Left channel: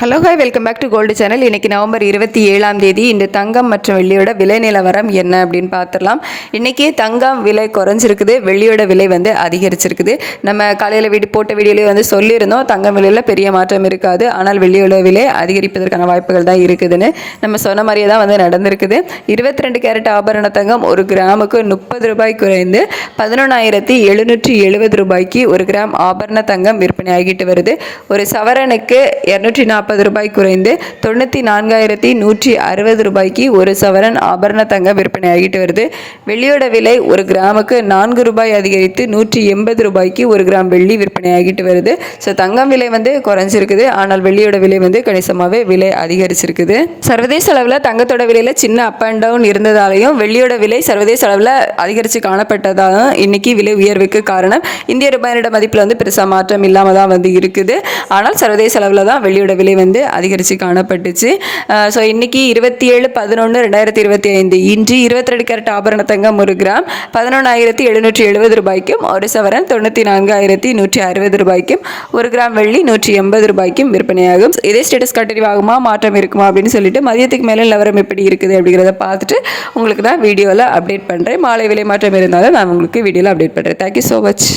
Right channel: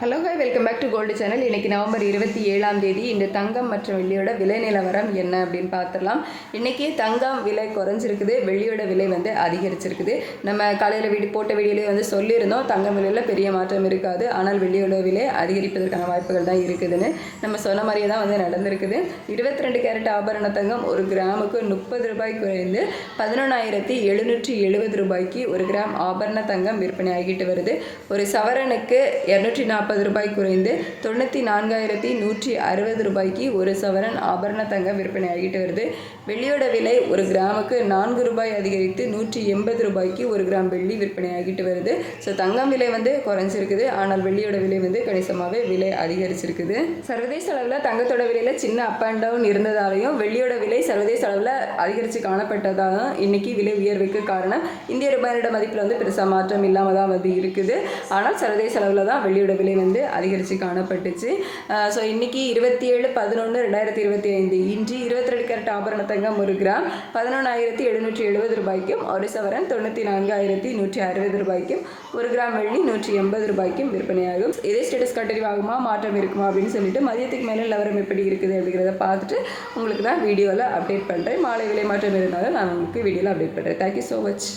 Hello hi, welcome back to gold channel. இன்றைக்கி November 27ஆம் தேதி இந்த தங்கம் மற்றும் வெள்ளியோட விலை நிலவரம் என்ன அப்படின்னு பார்த்துடலாம். இன்றைக்கி தங்கம் விலை குறைஞ்சிருக்குது, வெள்ளியோட விலை அதிகரிச்சிருக்குது. நம்ம காலையில் போட்ட வீடியோலேயே சொல்லியிருந்தோம், தங்கம் விலையில் பெரிய மாற்றம் இருக்காது, ஆனால் வெள்ளியோட விலை அதிகரிப்பதற்கான வாய்ப்புகள் தான் இருக்குதுன்னு. நம்ம சொன்ன மாதிரியே தான் நடந்திருக்குது. 22 கேரட் ஆபரண தங்கம் ஒரு கிராமுக்கு 30 ரூபாய் குறைந்து 11,770 ரூபாய்க்கு ஒரு கிராம் ஆபரண தங்கம் விற்பனை ஆகிட்டு வருது. ஒரு சவரனுக்கு 240 ரூபாய் குறைந்து 94,160 ரூபாய்க்கு ஒரு சவரன் ஆபரண தங்கம் விற்பனை ஆகிட்டு வருது. வெள்ளியோட விலை ஒரு கிராமுக்கு 4 ரூபாய் அதிகரித்து 180 ரூபாய்க்கு ஒரு கிராம் வெள்ளி விற்பனை ஆகிட்டு வருது. ஸோ தங்கம் விலை குறைஞ்சிருக்குது, ஆனால் வெள்ளியோட விலை கணிசமாகவே விலை அதிகரிச்சிருக்குது. சர்வதேச அளவில் தங்கத்தோட விலையில் சின்ன அப் அண்ட் டவுன் இருந்ததாலையும் வெள்ளியோட விலை சர்வதேச அளவில் அதிகரித்து காணப்பட்டதாலும் இன்னைக்கு விலை உயர்வுக்கு காரணம். இந்திய ரூபாயோட மதிப்பில் பெருசாக மாற்றம் இல்லாமல் தான் இருக்குது. ஆனால் சர்வதேச அளவில் தான் வெள்ளியோட விலை அதிகரித்து காணப்பட்டுச்சு. ஸோ இன்னைக்கு 27/11/2025 இன்று 22 கேரட் ஆபரண தங்கம் ஒரு கிராம் 11,770 ரூபாய்க்கும், ஒரு சவரன் 94,160 ரூபாய்க்கும், ஒரு கிராம் வெள்ளி 180 ரூபாய்க்கும் விற்பனையாகும். இதே ஸ்டேட்டஸ் கண்டினியூ ஆகுமா, மாற்றம் இருக்குமா அப்படின்னு சொல்லிட்டு மதியத்துக்கு மேலே நிலவரம் எப்படி இருக்குது அப்படிங்கிறத பார்த்துட்டு உங்களுக்கு நான் வீடியோவில் அப்டேட் பண்ணுறேன். மாலை விலை மாற்றம் இருந்தாலும் நான் உங்களுக்கு வீடியோவில் அப்டேட் பண்ணுறேன். Thank you so much.